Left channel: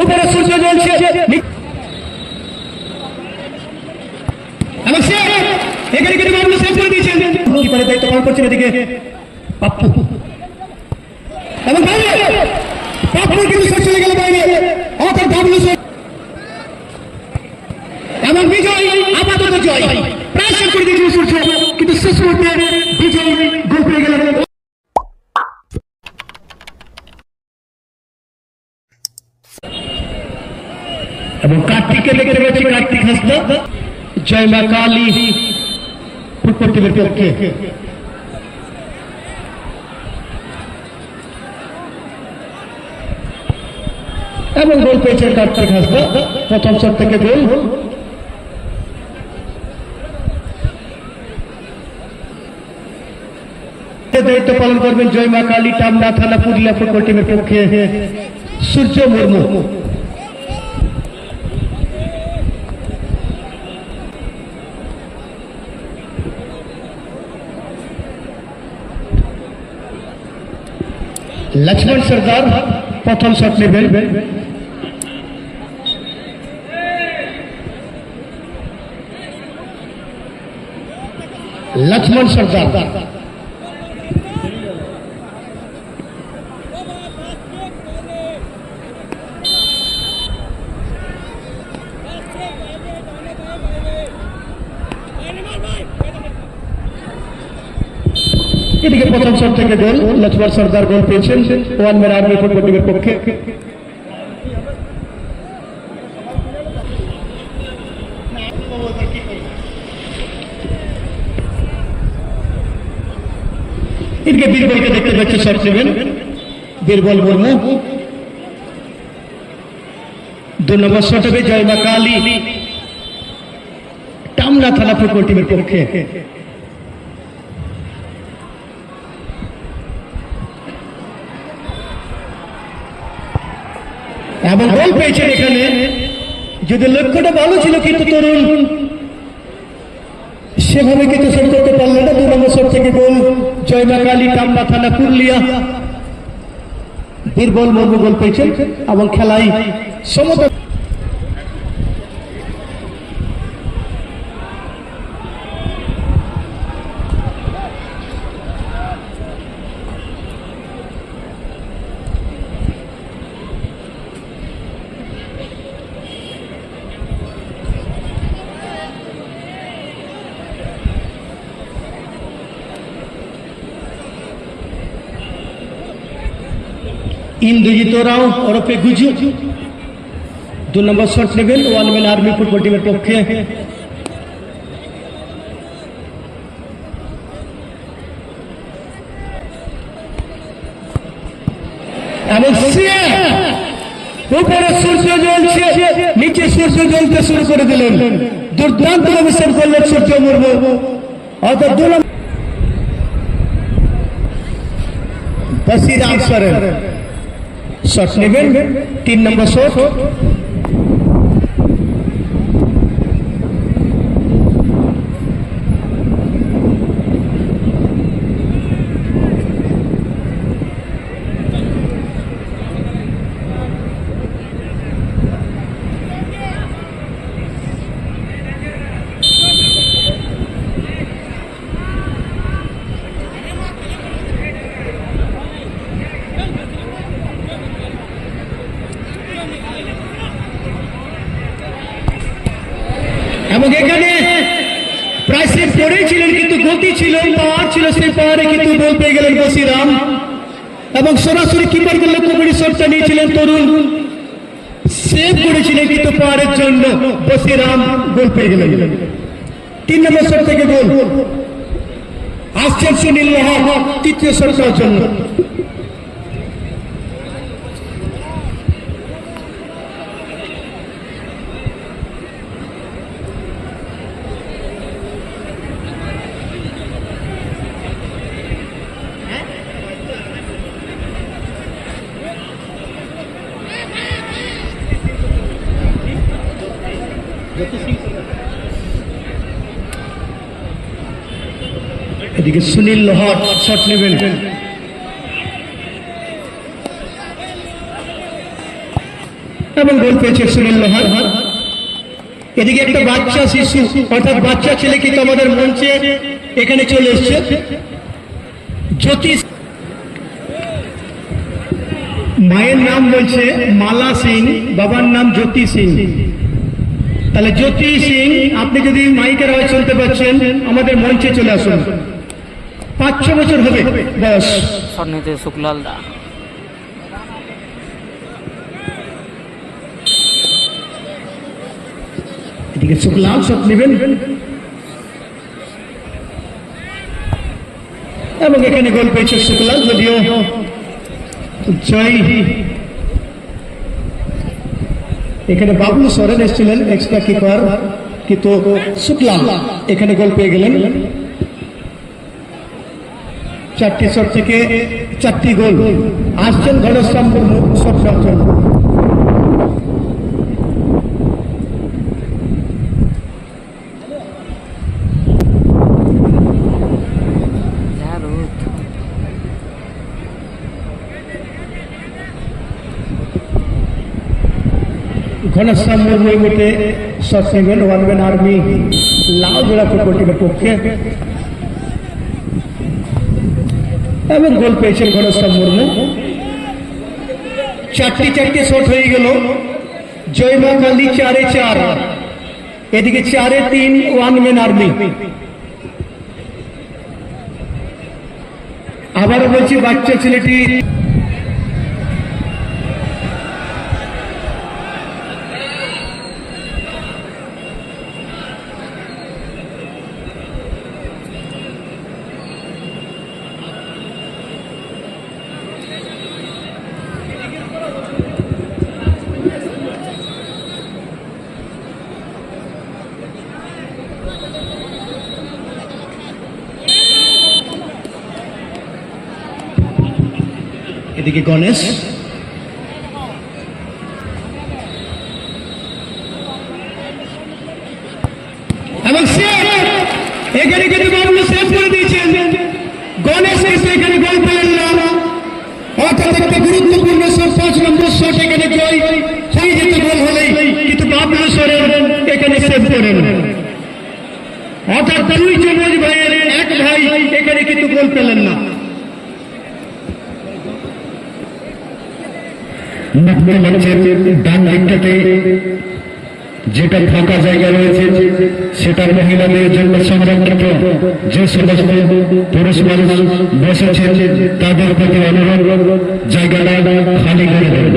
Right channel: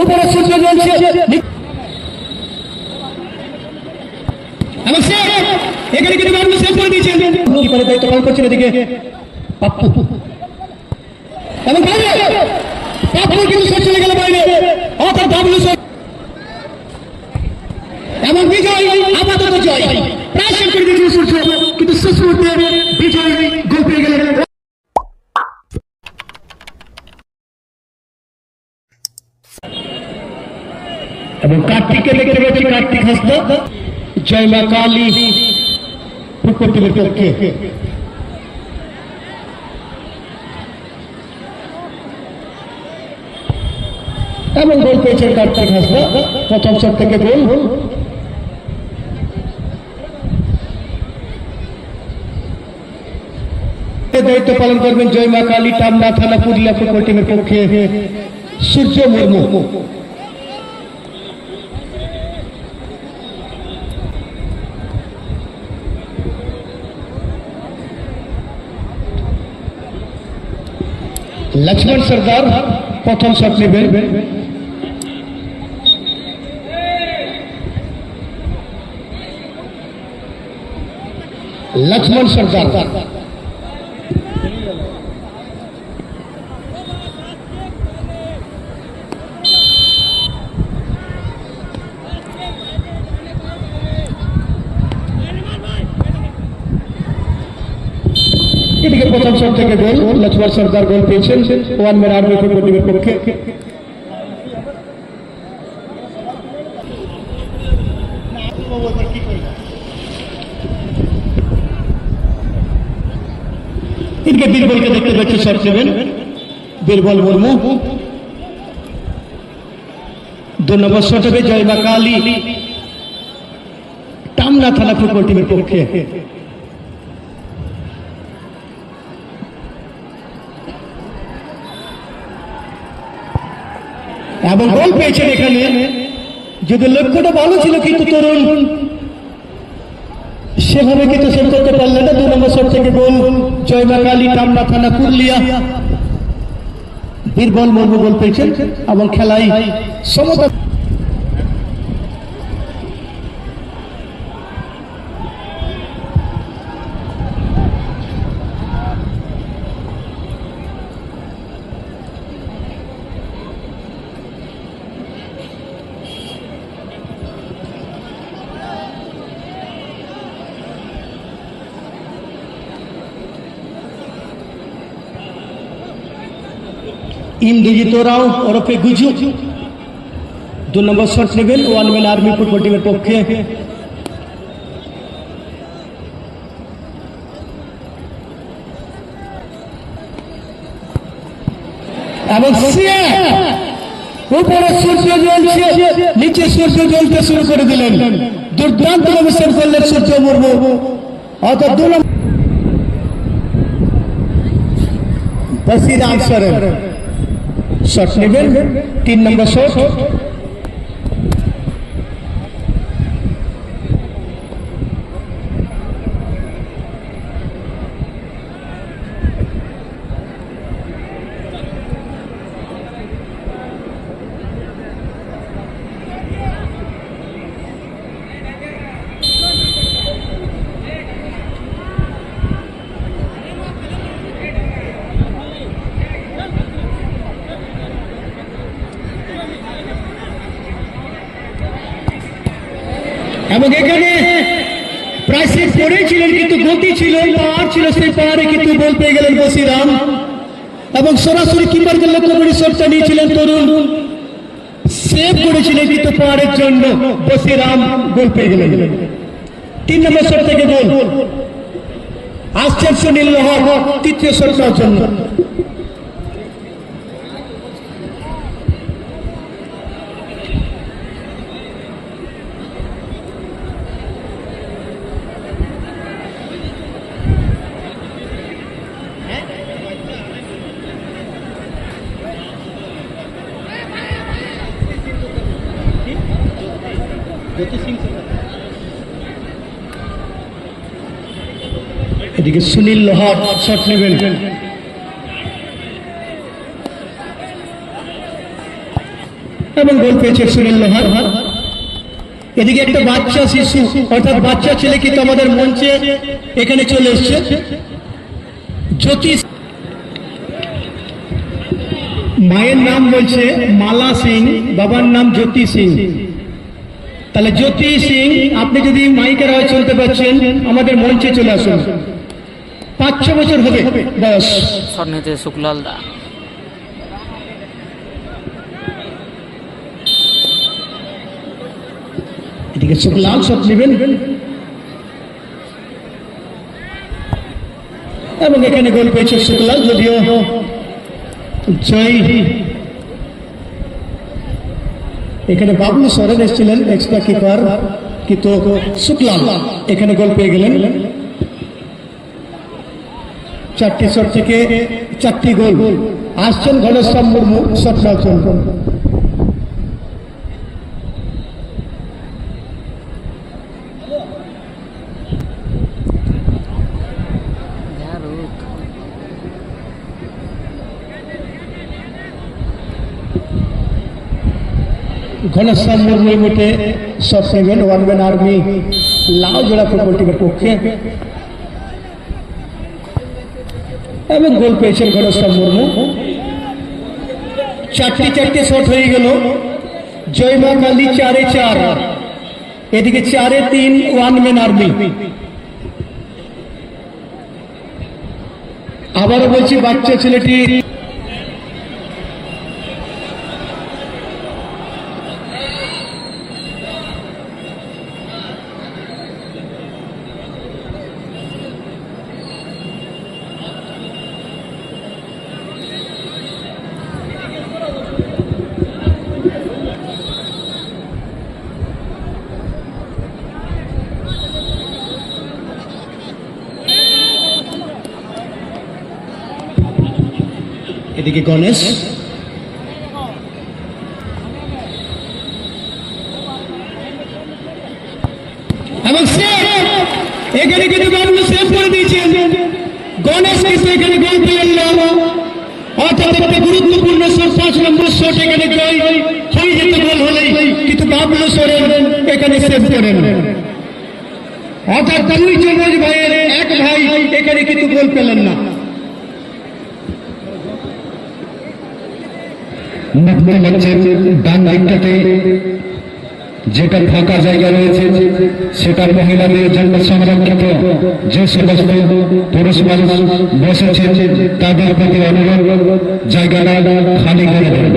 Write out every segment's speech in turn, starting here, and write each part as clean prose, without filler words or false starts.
উপরে সূর্য জ্বলছে এখানে কিন্তু মানুষ শেষ করে দিয়েছেন কিপারের দায়িত্ব পালন করছেন এদিকে পাপ্পু এবং পাপ্পু কিন্তু শেষ চলে গেল বাইরে অর্থাৎ ডাবলু এবং বিজয় আপাতত জয় প্রায় শেষ করে দিয়েছেন সূর্য কিন্তু শেষ মুহূর্তে বিজয় গোল পেয়ে গেল এবং কার্তিককে দেখতে পাচ্ছি কার্তিক হাসদা জয় মা কালী প্রকৃতির পক্ষে এবং গোল পেয়েছেন কার্তিক হাসদা প্রথম শট থেকে গোল দায়িত্ব পালন করবেন জয় মা কালী টামনা থানা পুরুলিয়া ফুটবল টিমের পক্ষে সূর্য মুর্মু लक्ष्मण सरदार प्रथम शट नेবেন लक्ष्मण सरदार এদিকে প্রথম শট থেকে গোল লক্ষ্মণ সরদার গোল পেয়েছেন ওয়ান ম্যান আর্মি ফুটবল টিমের পক্ষে এদিকে বীরবলকে দেখতে পাচ্ছি শট নেবেন বীরবল মুর্মু 2 নম্বর শট হবে জয় মা কালী টামনা থানা ফুটবল টিমের পক্ষে এবং গোল পেয়েছেন এখানে যদি লক্ষ্যটা ভালো ছিল কিন্তু তরুণ সেভাবে কিন্তু সেট করতে পারল না 2 নম্বর শট থেকে গোল জয় মা কালী টামনা থানা পুরুলিয়া বীরবল মুর্মু গোল পেয়েছেন এবং খেলায় সমতা इंद्रजीत राव ओरफे गुजू 2 নম্বর শট নেবেন ওয়ান ম্যান আর্মি ফুটবল টিমের পক্ষে এবং উপরে সূর্য জ্বলছে নিচে সূর্য জ্বলতে শুরু করে দিলেন দুর্দান্ত অবস্থান করলেন সূর্য মুর্মু অর্থাৎ 2 নম্বর বসিরাম সরণ শট নেবেন 3 নম্বর শট এবং এখানে প্রায় সেট করেছিলেন কিন্তু গতি ছিল পাওয়ার ছিল সেই পাওয়ারে কিন্তু গোল পেয়ে গেলেন বসিরাম এবং সরাসরি কিপারকে লক্ষ্য করে শটটা নিয়েছিলেন তরুণ সেভ করেছিলেন কিন্তু পাওয়ারের জন্য বসিরাম গোল পেয়ে গেলেন 3 নম্বর শট থেকে গোল আসছেন সুনীল লোহার তৃতীয় শটটার জন্য এদিকে সুনীল লোহার শট নেবেন এবং গোল পেয়েছে সুনীল লোহার। এদিকে একটা বাচ্চা শিশু অর্থাৎ বাচ্চা ছেলে কিন্তু আমাদের মঞ্চে এখানে চলে এসছে, জ্যোতিষ। মায়ের নাম বলছে মালা সিং, বাবার নাম জ্যোতি সিং। তাহলে জ্যোতি সিং, আপনি যদি মাইকের আওয়াজ শুনতে পাচ্ছেন আমাদের মঞ্চে চলে আসুন। 5-6 বছর হবে বয়স। সন্নিতে শুক্লাল দা এদিকে শুক্লাল সব নেবেন এবং এখানে গোল পেয়েছে শুক্লাল, যদিও জয়। এখানে বাবলু সরেন এসেছিলেন এক্সট্রা কিপার, কিন্তু শুক্লাল এখানে গোল পেয়ে গেলেন। 4টি শট থেকে 4টি গোল। আসছেন ঘনশ্যাম মুর্মু, শট মারছেন। ঘনশ্যাম মুর্মু মিটে শট নেবেন। ওয়ান ম্যান আর্মি লাল জোড়া ফুটবল টিমের পক্ষে এবং গোল পেয়েছেন ঘনশ্যাম মুর্মু। 4টি শট হয়ে গেল। জয়মা কালী 4-4, এদিকে 4-3 ওয়ান ম্যান আর্মি। আবারও বলছি বাচ্চা ছেলেটি এদিকে গণেশ এবং এখানে কিন্তু বাবলু সেভ করে দিয়েছেন। গণেশ কিন্তু এখানে গোল পেলেন না, অর্থাৎ একটি গুরুত্বপূর্ণ শট, 5 নম্বর শট এখানে জয় হয়ে যেতে গোল হলেই, কিন্তু বাবলু সরেন এখানে সেভ করেন। অর্থাৎ 2 যুবরাজ ভাইয়ের এক ভাই এখানে কিন্তু গোল পেলেন না। ডান দিকটাতে যেটা ফাঁকা জায়গা রয়েছে সেটার মহিলাদের জন্য সংরক্ষিত যে সমস্ত পুরুষ মানুষ বসেছেন তাদের প্রতি অনুরোধ জায়গাটা খালি করে দেবেন।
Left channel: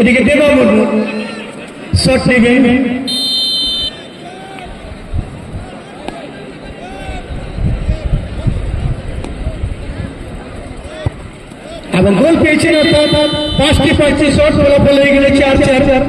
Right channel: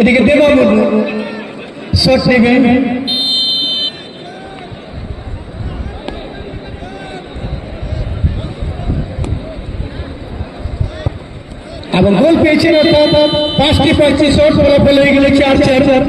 এদিকে দেবাবু শট নেবেন এবং গোল পেয়েছেন। অর্থাৎ 5টি শট ফলাফল হয়ে গেলে 4-4।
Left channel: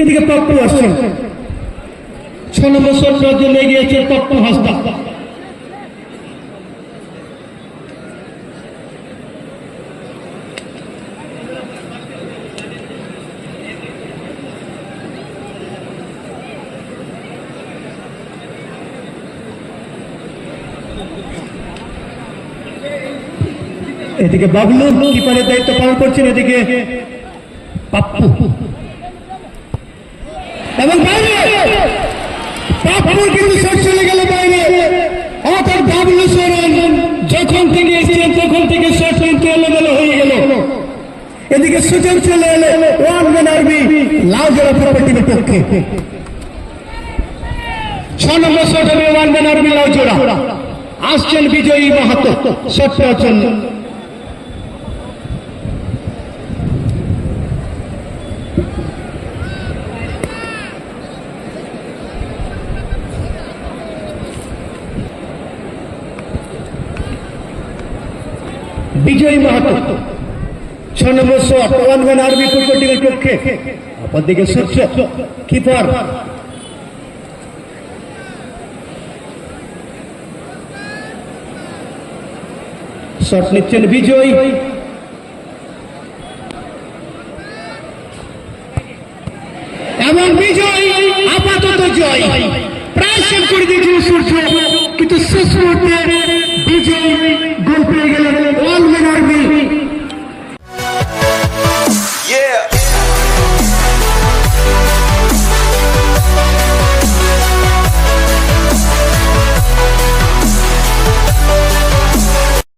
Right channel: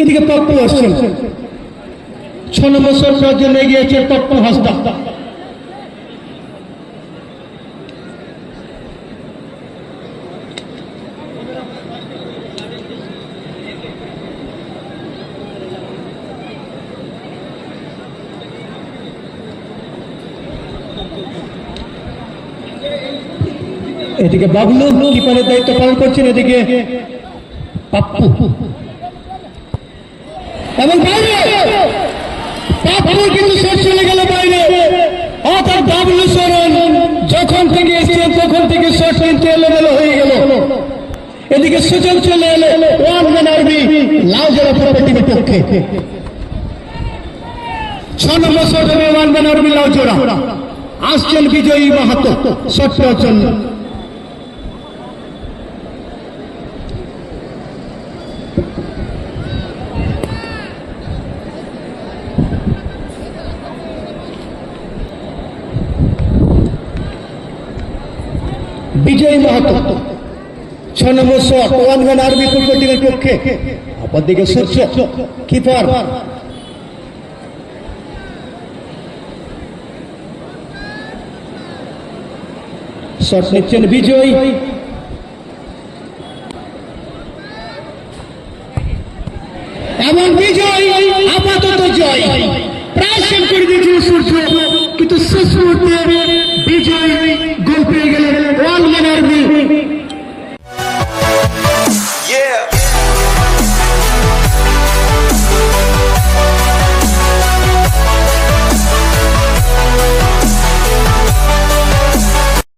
এদিকে পপ্পু আসছেন, 6 নম্বর শট জন্য গিয়েছে পপ্পু হাসদা। এদিকে বাবলু কিপারের দায়িত্ব পালন করছেন, এদিকে পাপ্পু এবং পাপ্পু কিন্তু শট চলে গেল বাইরে। অর্থাৎ বাবলু সরেন যখন থেকে এসেছেন তখন থেকে শট কিন্তু এলোমেলো হয়ে গেল। এদিকে সুযোগ চলে এলো ওয়ান ম্যান আর্মি লাল জোড়া ফুটবল টিমের পক্ষে। 6 নম্বর শট হবে one man army Lal Jora. আসছেন বিজয়ী মাহাতো শট পাওয়ার জন্য। বিজয়ী মাহাতো 6 নম্বর shot one man army football টিমের পক্ষে। অপরদিকে সূর্য কিপার শট নিচ্ছেন বিজয়। এবং বিজয় আপাতত জয়। প্রায় সেভ করে দিয়েছিল সূর্য, কিন্তু শেষ মুহূর্তে